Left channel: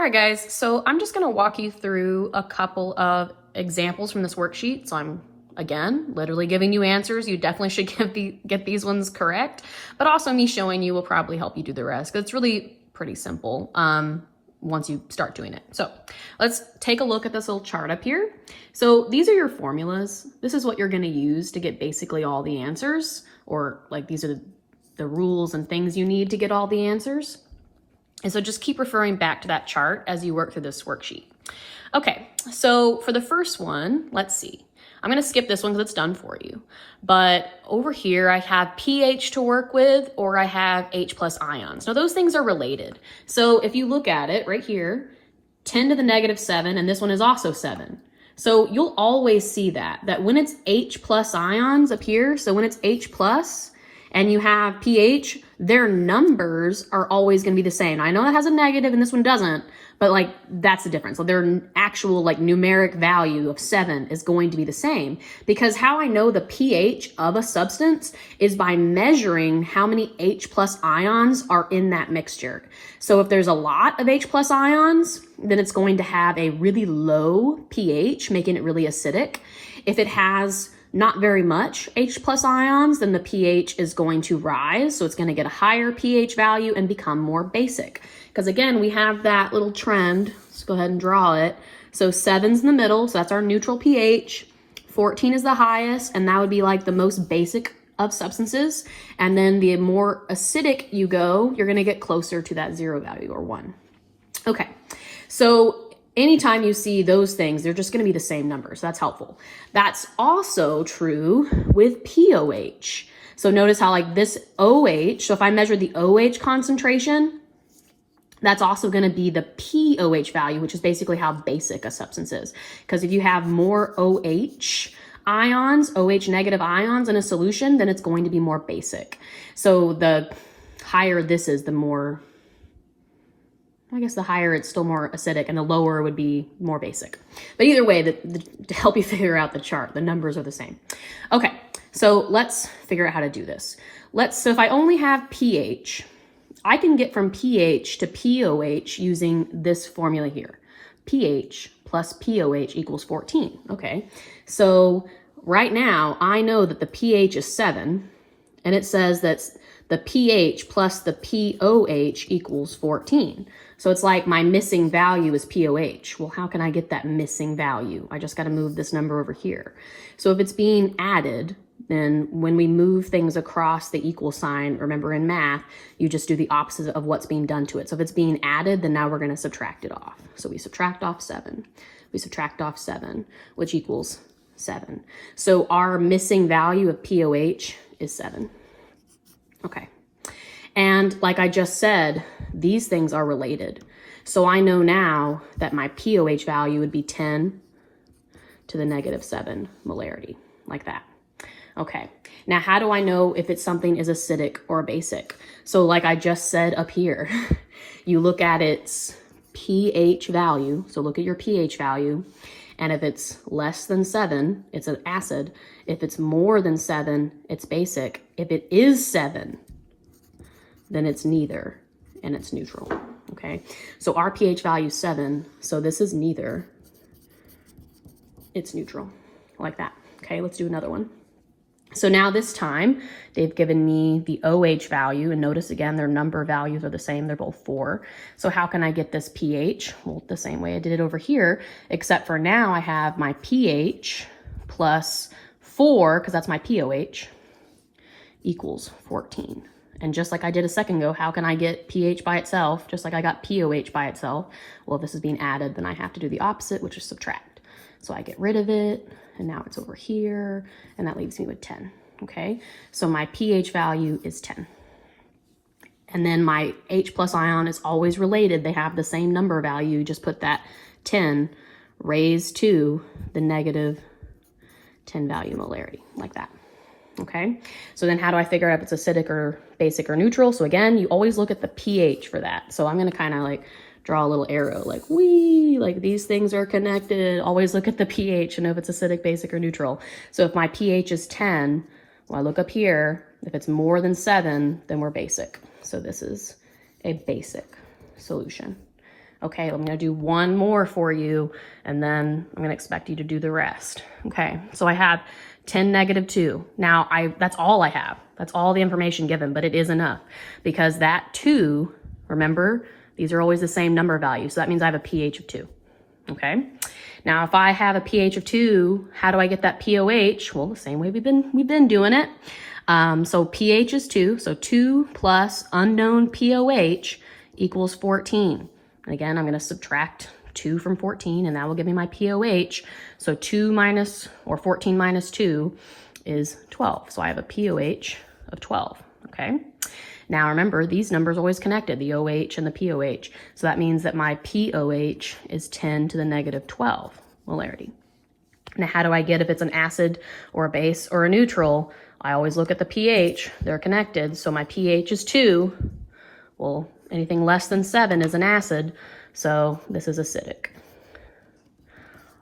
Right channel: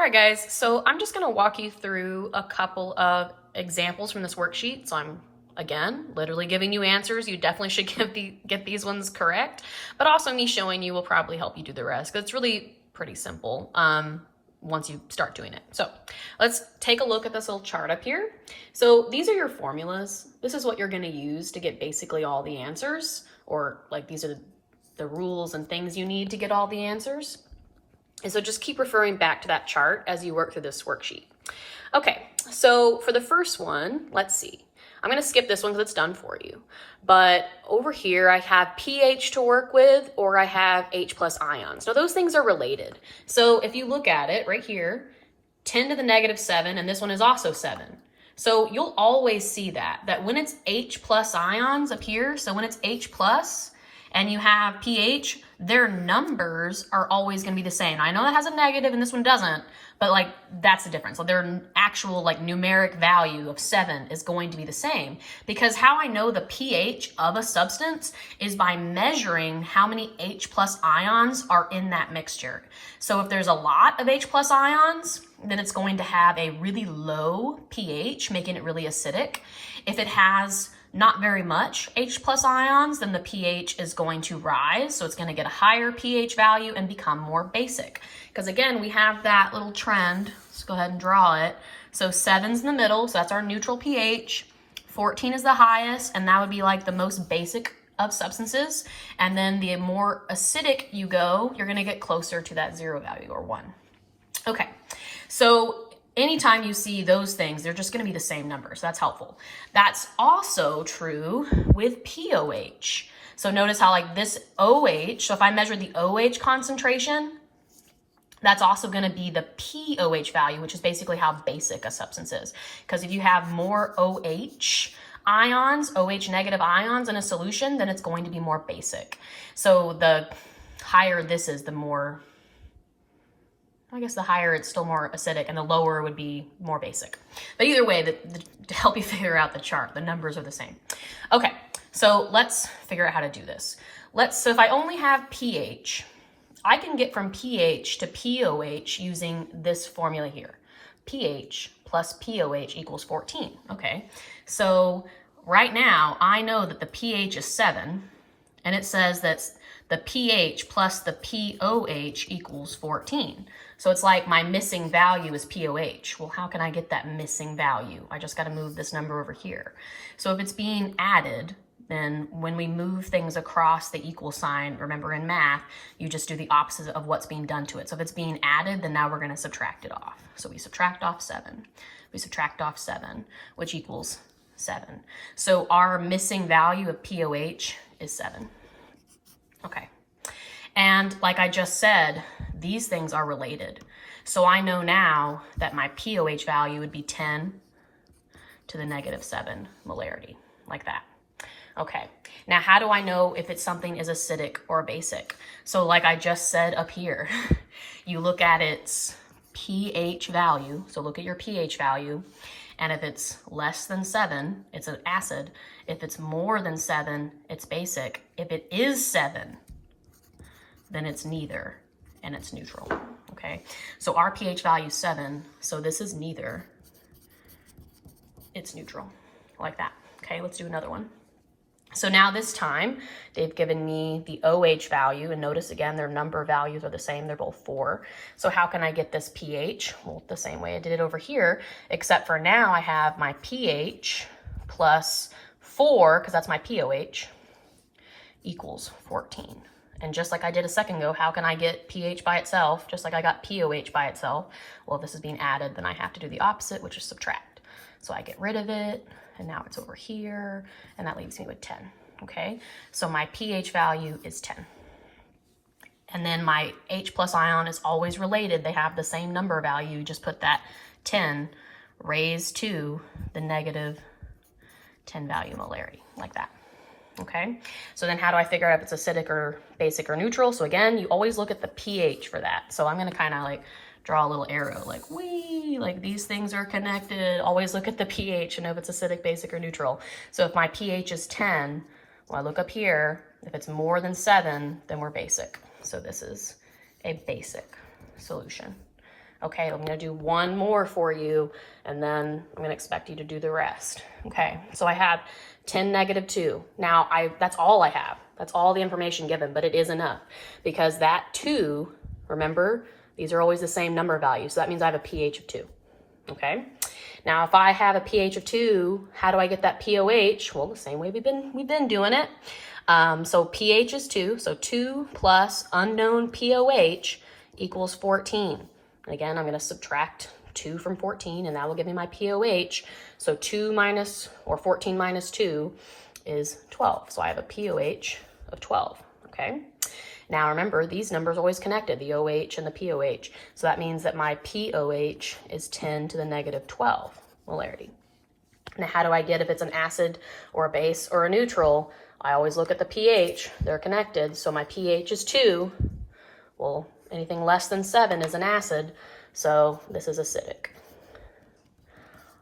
All right, guys, so I'm just going to walk you through a couple of examples from this worksheet. So I'm, again, literally giving you answers. You definitely should get these ones correct, but also me showing you will probably help you do the rest. It's really pretty simple once you start doing it. So let's take a look at this little chart up here. So these are your formulas. This is what you're going to use to get basically all the answers, or like these are the rules and things you need to get all the answers. And so just keep referring back to that chart as you work through this worksheet. Okay, so for the first one, let's see. I'm gonna skip this one because it's done for you. But over here, I have pH to work with, or I have H plus ions. Now those things are related. So if you look at it right here, 10 to the negative 7, and this one is also 7. So you'll always see that when it's H plus ions up here, so when it's H plus, and you have pH, their numbers are always going to be the same. Now, I know that has a negative and this one doesn't, but like that's the difference. So their actual like numeric value of 7 is going to be the same, because how I know the pH of a substance is by measuring how many H plus ions are in that mixture. So if there's a lot of H plus ions, then it's going to have a really low pH, making it really acidic. If it has not very much H plus ions, then the pH is going to rise. So it's going to get a higher pH value and become more basic. Because again, we have that little trend. Let's go ahead and draw it. So 7's in the middle, so that's our neutral pH. 14 is the highest, and that would be like the most basic of substances. And then the more acidic you go, you're going to get closer to that 0 value, or 1. Okay, so anytime you see those things, they're just going to be the same numbers. That's helpful. That's also true with pOH. So notice how like this OH, so if I measure the OH concentration, that's also going to be the pOH value, which is basically how basic a substance is. Because if you have more OH ions, OH negative ions in a solution, then it's going to be more basic. So the higher this is, the more, I guess the higher it's still more acidic, and the lower would be more basic. But either way, to help you figure out the chart, the numbers are the same. Okay, so let's figure out how to do this. So if I only have pH, I can get from pH to pOH using this formula here. pH plus pOH equals 14. Okay, so right now I know that the pH is 7, and it says that the pH plus the pOH equals 14. So it's like my missing value is pOH. Well, how can I get that missing value? I just got to move this number over here. So if it's being added, then when we move things across the equal sign, remember in math, you just do the opposite of what's being done to it. So if it's being added, then now we're going to subtract it off. So we subtract off 7. We subtract off 7, which equals 7. So our missing value of pOH is 7. Okay. And like I just said, these things are related. So I know now that my pOH value would be 10 to the negative 7 molarity, like that. Okay, now how do I know if it's something is acidic or basic? So like I just said up here, you look at its pH value. So look at your pH value. And if it's less than 7, it's an acid. If it's more than 7, it's basic. If it is 7, then it's neither, and it's neutral, okay? So our pH value is 7, so this is neither, it's neutral, like that. Okay, let's do another one. So now this time, they've given me the OH value, and notice again, their number values are the same, they're both 4. So how can I get this pH? Well, the same way I did it over here, except for now I have my pH plus 4, because that's my pOH, equals 14. And just like I did a second ago, how can I get pH by itself? Just like I got pOH by itself. Well, if this is being added, then I have to do the opposite, which is subtract. So I get rid of it, and now it's over here, and that leaves me with 10, okay? So my pH value is 10. And then my H plus ion is always related. They have the same number value. You just put that 10 raised to the negative 10 value molarity, like that. Okay, so then how do I figure out if it's acidic or basic or neutral? So again, you always look at the pH for that. So I'm going to kind of like draw a little arrow like, wee, like these things are connected. Always look at the pH and know if it's acidic, basic, or neutral. So if my pH is 10, well, I look up here. If it's more than 7, then we're basic. So this is a basic solution. Okay, I'm gonna do one more for you, and then I'm gonna expect you to do the rest. Okay, so I have 10, -2. Now, that's all I have. That's all the information given, but it is enough because that 2, remember, these are always the same number value, so that means I have a pH of 2, okay? Now, if I have a pH of 2, how do I get that pOH? Well, the same way we've been doing it. So pH is 2, so 2 plus unknown pOH equals 14. And again, I'm going to subtract 2 from 14, and that will give me my pOH. So 14 minus 2 is 12. So I have a pOH of 12, okay? Now remember, these numbers are always connected, the OH and the pOH. So that means that my pOH is 10 to the -12 molarity. Now how do I get if it's an acid or a base or a neutral? I always look at the pH, they're connected. So my pH is 2. Well, anything less than 7 is an acid, so this is acidic.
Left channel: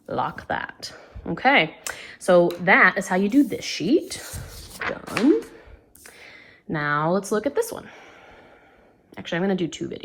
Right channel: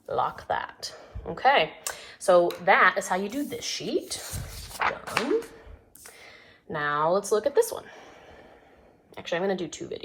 Lock that. Okay, so that is how you do this sheet. Done. Now let's look at this one. Actually, I'm going to do 2 videos.